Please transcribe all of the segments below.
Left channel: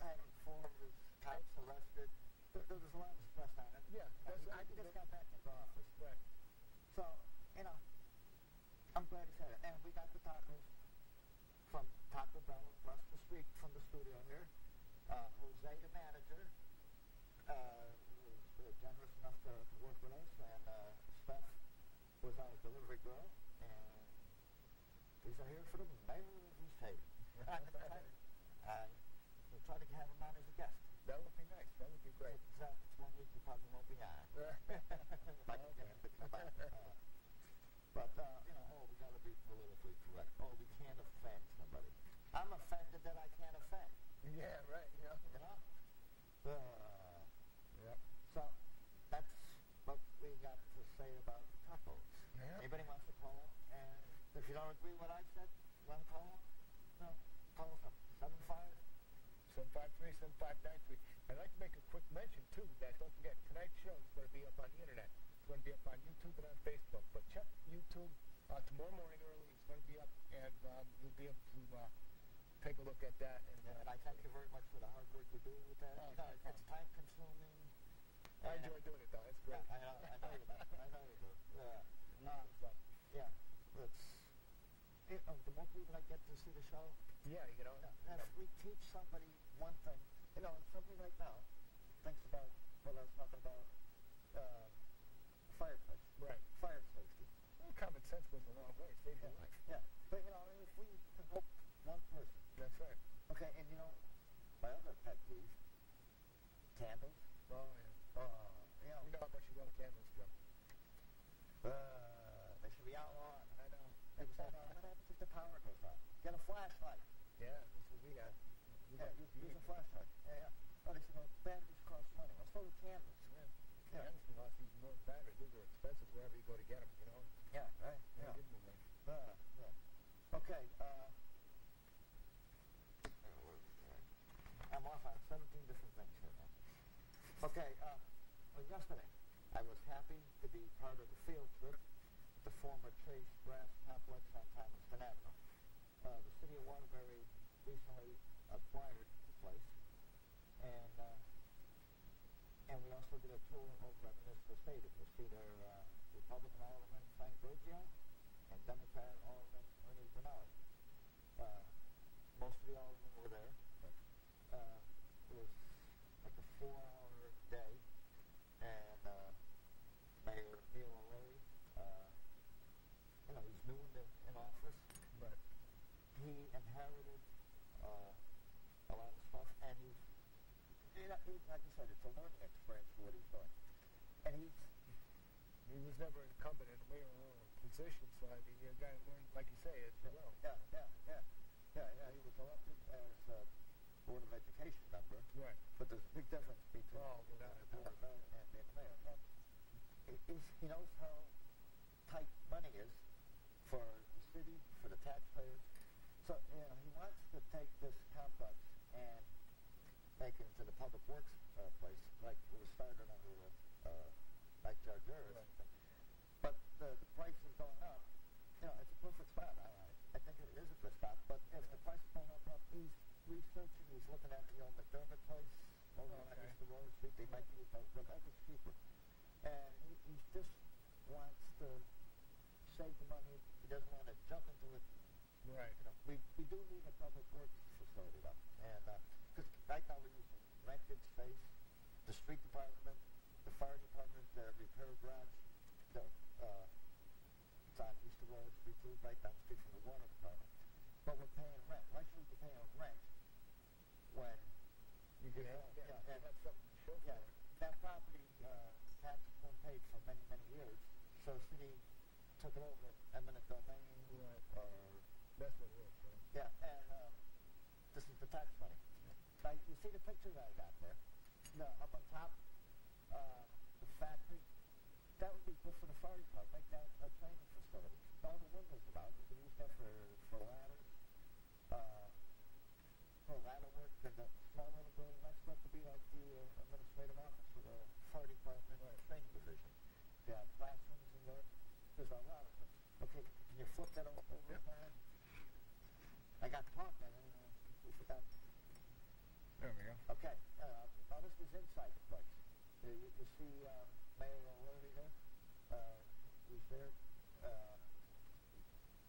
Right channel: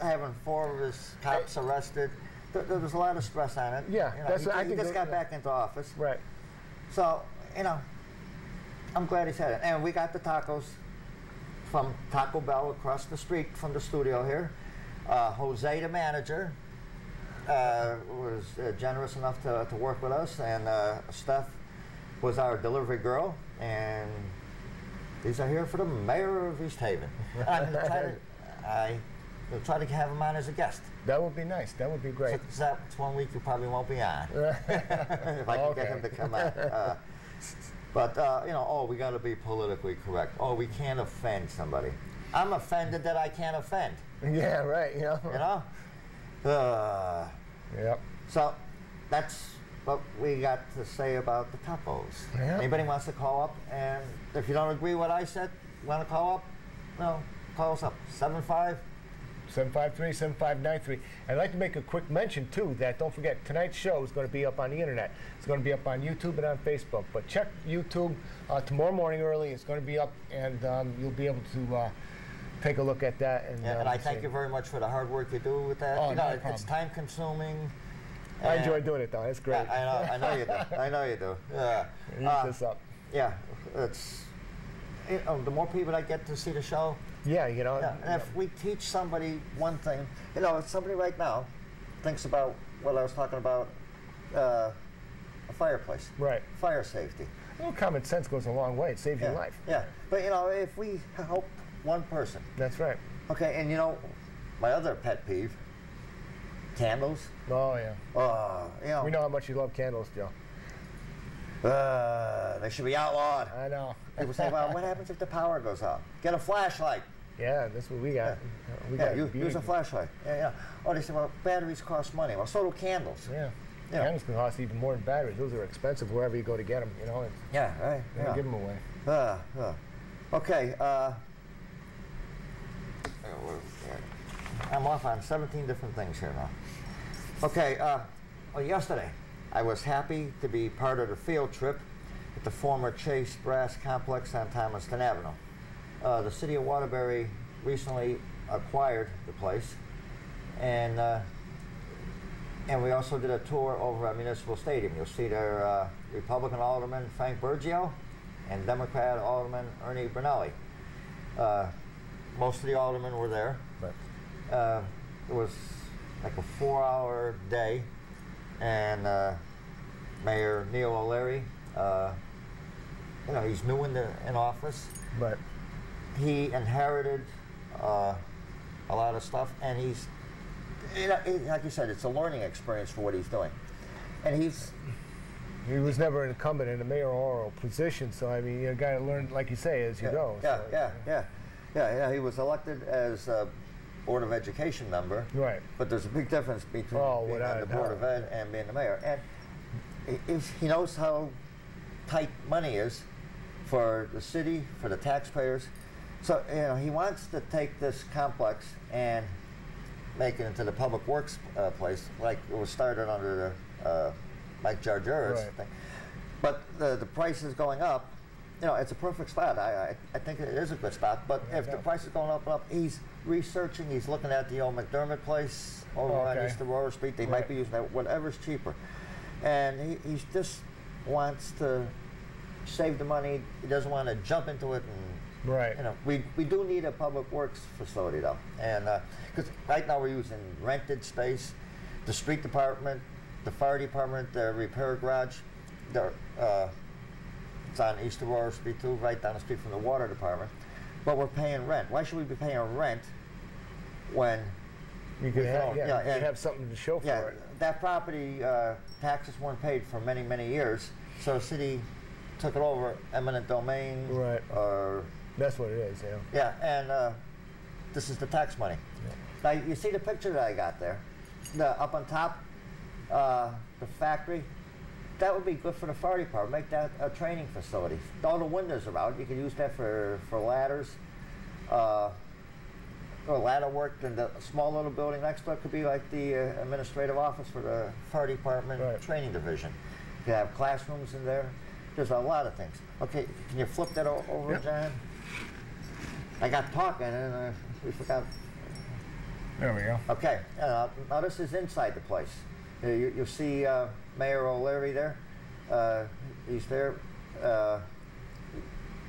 having 4 of his cops arrested. There was a lot of stress on it. Yeah, he just got back into office. Right. So, I'm glad he's had it. And we got the tacos from Taco Bell across the street from the studio here. Jose, the manager, was generous enough to work with us, and Steph was our delivery girl, and these are here for the mayor of East Haven. I'm going to try to have him on as a guest. That would be nice. That would be great. So that's 1 week you probably won't be on. If I can get him to come on. But, we got to be politically correct. We can't offend somebody. I'm offended that I can't offend. Yeah, right. Yep. So that's what we got to say about the tacos. Yeah. Anybody wants to call up, and if you don't agree with what I said, want to call up? No, call us up. 753-7593. I'd like to make a quick mention, too, that don't forget, tonight's show is going to be up on the internet. It's going to be up on YouTube and on Facebook. But check YouTube tomorrow morning early. It's going to be up, and you'll be able to take a look at that. And I thank you very much for the hard work you do with that. Oh, no problem. It's time-consuming. I enjoy doing it, though. It's great. I know you do. I know you do. Yeah. Use this up. Yeah. It's the more people that get to see the show. Yeah, And if we teach somebody one thing, if somebody right now thinks about what I was talking about, a fireplace. Right. Fire safety. Well, common sense goes a long way. It saves your life. Yeah. But, if we help one person. That's right. Okay, and my other pet peeve, candles. Oh, yeah. We know how much you love candles, Joe. They should be outlawed. I know. People say, well, what happens if the power goes out? Get a flashlight. Yeah, that's what we got. Use a flashlight. Yeah. They say, well, batteries cost money. Well, so do candles. Yeah. Candles can cost even more than batteries. Those are expensive wherever you go to get them, Yeah, right. Give them away. Okay. I'm off on 17 different things here now. Okay. Yesterday, I was happy to be part of the field trip at the former Chase Brass Complex on Thomaston Avenue. The city of Waterbury recently acquired the place, and we also did a tour over at Municipal Stadium. You'll see their Republican Alderman Frank Burgio and Democrat Alderman Ernie Brunelli. Most of the aldermen were there. But it was like a 4-hour day, and Mayor Neil O'Leary, he's new in office, but he inherited a lot of stuff, and he's, like you said, it's a learning experience for what he's doing, and he was never an incumbent in a mayoral position, so I mean, you got to learn, like you say, as you go. Yeah. He was elected as a Board of Education member, right? But there's a big difference between being on the Board of Ed and being the mayor, and he knows how tight money is for the city, for the taxpayers. So he wants to take this complex and make it into the public works place, like it was started under the Mike Jargeris thing. But the price is going up. It's a perfect spot. I think it is a good spot. But if the price is going up and up, he's researching. He's looking at the old McDermott place over on East Aurora Street. They might be using that, whatever's cheaper. And he just wants to save the money. He doesn't want to jump into it. And we do need a public works facility though, and because right now we're using rented space. The street department, the fire department, the repair garage, it's on East Aurora Street too, right down the street from the water department. But we're paying rent. Why should we be paying rent when you could have something to show for it? That property taxes weren't paid for many, many years, so the city took it over, eminent domain, or that's what it is. And this is the tax money. Now you see the picture that I got there, up on top, the factory. That would be good for the fire department. Make that a training facility. All the windows are out. You could use that for ladders, or ladder work. And the small little building next to it could be like the administrative office for the fire department training division. You could have classrooms in there. There's a lot of things. Okay, can you flip that over, John? I got talking and we forgot. There we go. Okay, now this is inside the place. You see Mayor O'Leary there. He's there.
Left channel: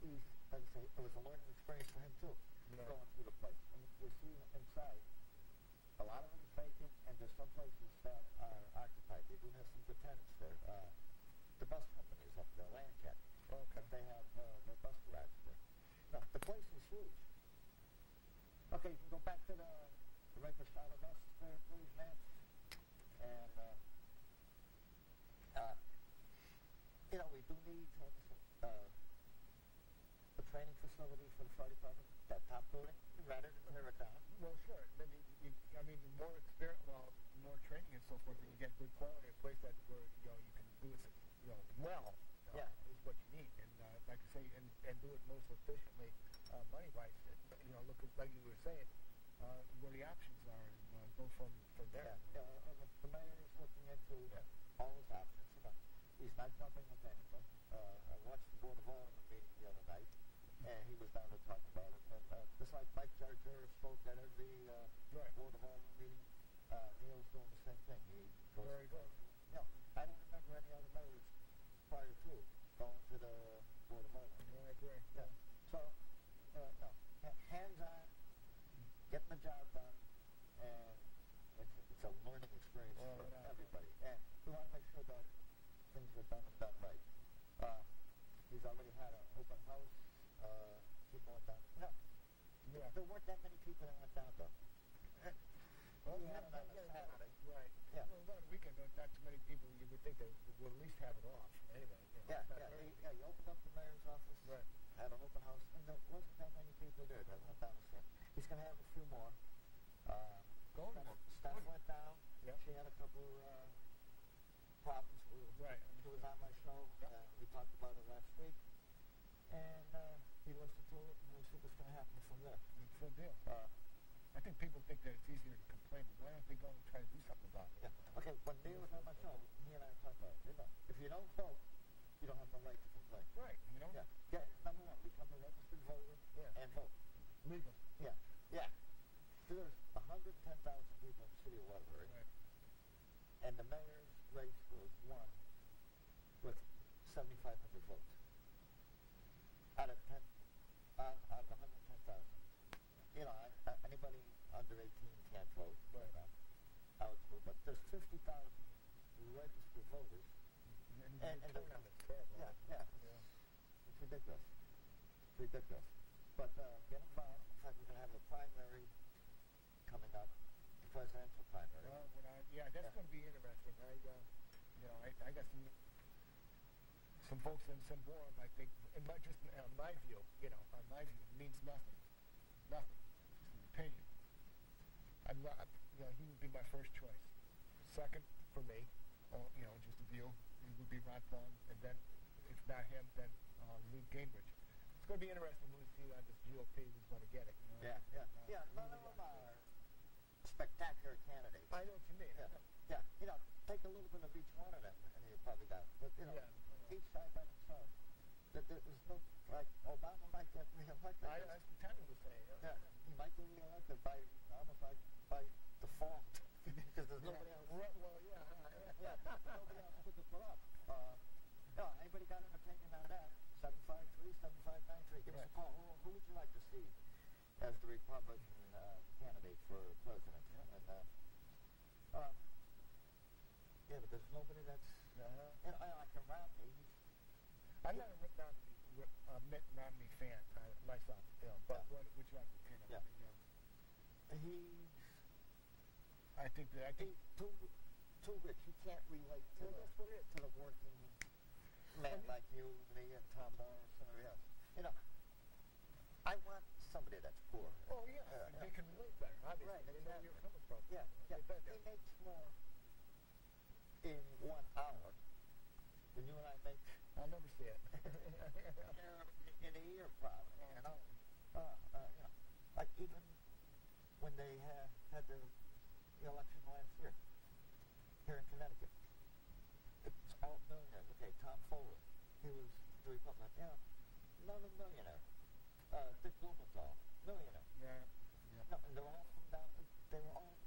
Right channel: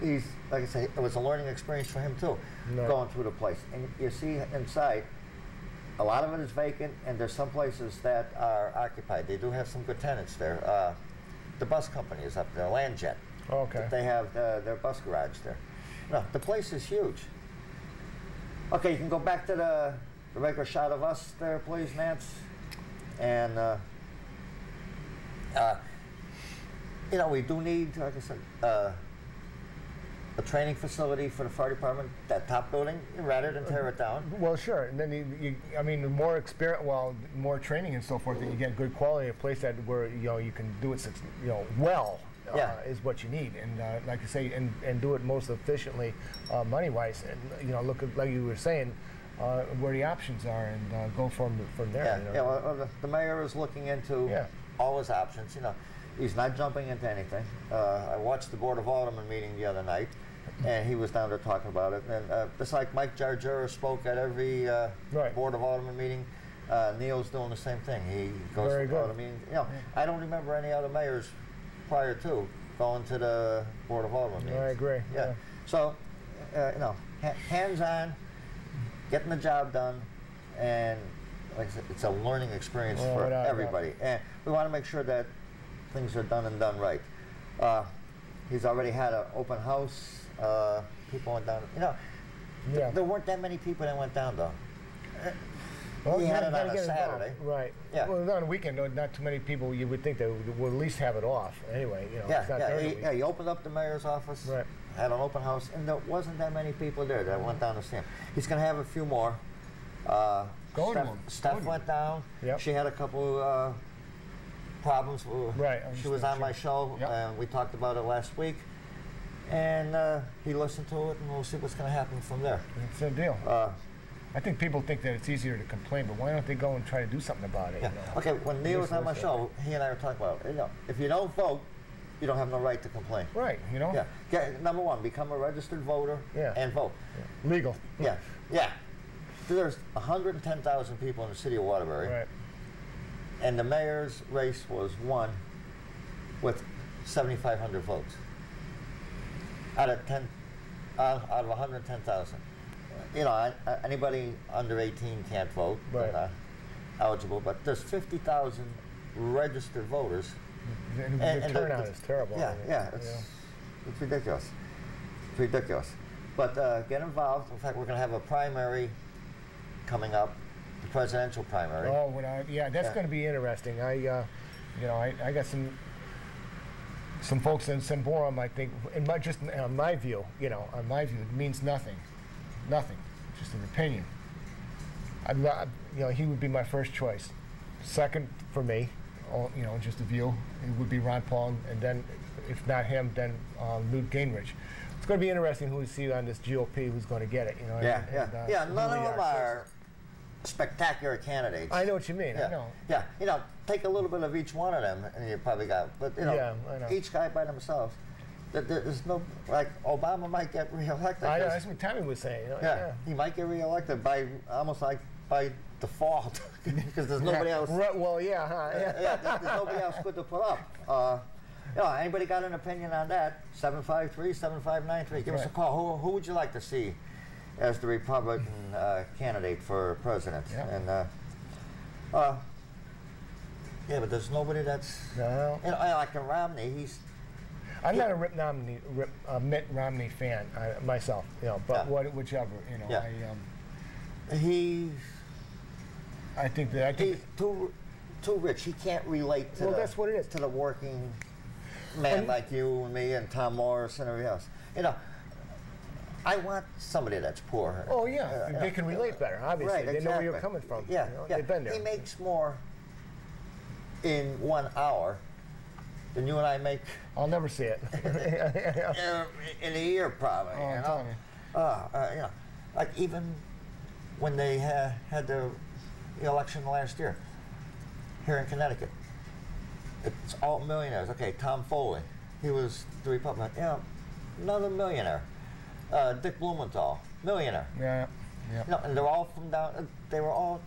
He's, like I say, it was a learning experience for him too, going through the place. And you see inside, a lot of it is vacant, and there's some places that are occupied. They do have some good tenants there. The bus company is up there, Landjet. Oh, okay. They have their bus garage there. No, the place is huge. Okay, you can go back to the regular shot of us there, please, Nance. And, you know, we do need, like I said, a training facility for the fire department, that top building, rather than tear it down. Well, sure. And then I mean, the more experience, more training and so forth, that you get good quality, a place that where you can do it, well. Is what you need, and like you say, and do it most efficiently, money-wise, and look at, like you were saying, where the options are, and go from there. Yeah, well, the mayor is looking into all his options. He's not jumping into anything. I watched the Board of Aldermen meeting the other night, and he was down there talking about it. And just like Mike Jargera spoke at every Board of Aldermen meeting, Neil's doing the same thing. He goes to all the meetings. I don't remember any other mayors prior to going to the Board of Aldermen meetings. I agree. Yeah. So, hands-on, getting the job done, and like I said, it's a learning experience for everybody. And we want to make sure that things are done and done right. He's already had an open house. People went down. There weren't that many people that went down though. Well, he had it on a Saturday. Right. Yeah. Well, on a weekend, not too many people. You would think they would at least have it off. Anyway, it's not he opened up the mayor's office. Right. Had an open house, and there wasn't that many people there that went down to see him. He's going to have a few more. Steph went down. Yep. She had a couple problems. Right. She was on my show, and we talked about it last week. And he listened to it, and we'll see what's going to happen from there. It's a deal. I think people think that it's easier to complain, but why don't they go and try to do something about it? Yeah. Okay, when Neil was on my show, he and I were talking about it. If you don't vote, you don't have no right to complain. Right, Yeah. Number one, become a registered voter and vote. Yeah. Legal. Yeah. There's 110,000 people in the city of Waterbury. Right. And the mayor's race was won with 7,500 votes out of 110,000. Anybody under 18 can't vote. Right. They're not eligible, but there's 50,000 registered voters. And the turnout is terrible. It's ridiculous. It's ridiculous. But get involved. In fact, we're going to have a primary coming up, the presidential primary. Oh, that's going to be interesting. I got some folks in Semborum, I think, on my view, it means nothing. Nothing. Just an opinion. He would be my first choice. Second for me, just a view, it would be Ron Paul, and then, if not him, then Newt Gingrich. It's going to be interesting who we see on this GOP who's going to get it. None of them are spectacular candidates. I know what you mean. Yeah. I know. Yeah. Take a little bit of each one of them, and you probably got. But I know. Each guy by themselves. There's no, like, Obama might get reelected. I know, that's what Tommy was saying. He might get reelected by almost like by default because there's nobody else. Well, there's nobody else good to put up. Anybody got an opinion on that? 753-7593. Give us a call. Who would you like to see as the Republican candidate for president? Yeah. And but there's nobody that's. No. Like Romney, I'm not a Mitt Romney fan myself, but whichever, I think he's too rich. He can't relate to that's what it is. To the working man like you and me and Tom Morris and everybody else. I want somebody that's poor. Oh yeah, they can relate better. Obviously, right, they know where you're coming from. They've been there. He makes more in 1 hour than you and I make. I'll never see it. in a year, probably. Like even when they had the election last year here in Connecticut, it's all millionaires. Okay, Tom Foley, he was the Republican. Another millionaire. Dick Blumenthal, millionaire. Yeah. You know, and they're all from down. They were all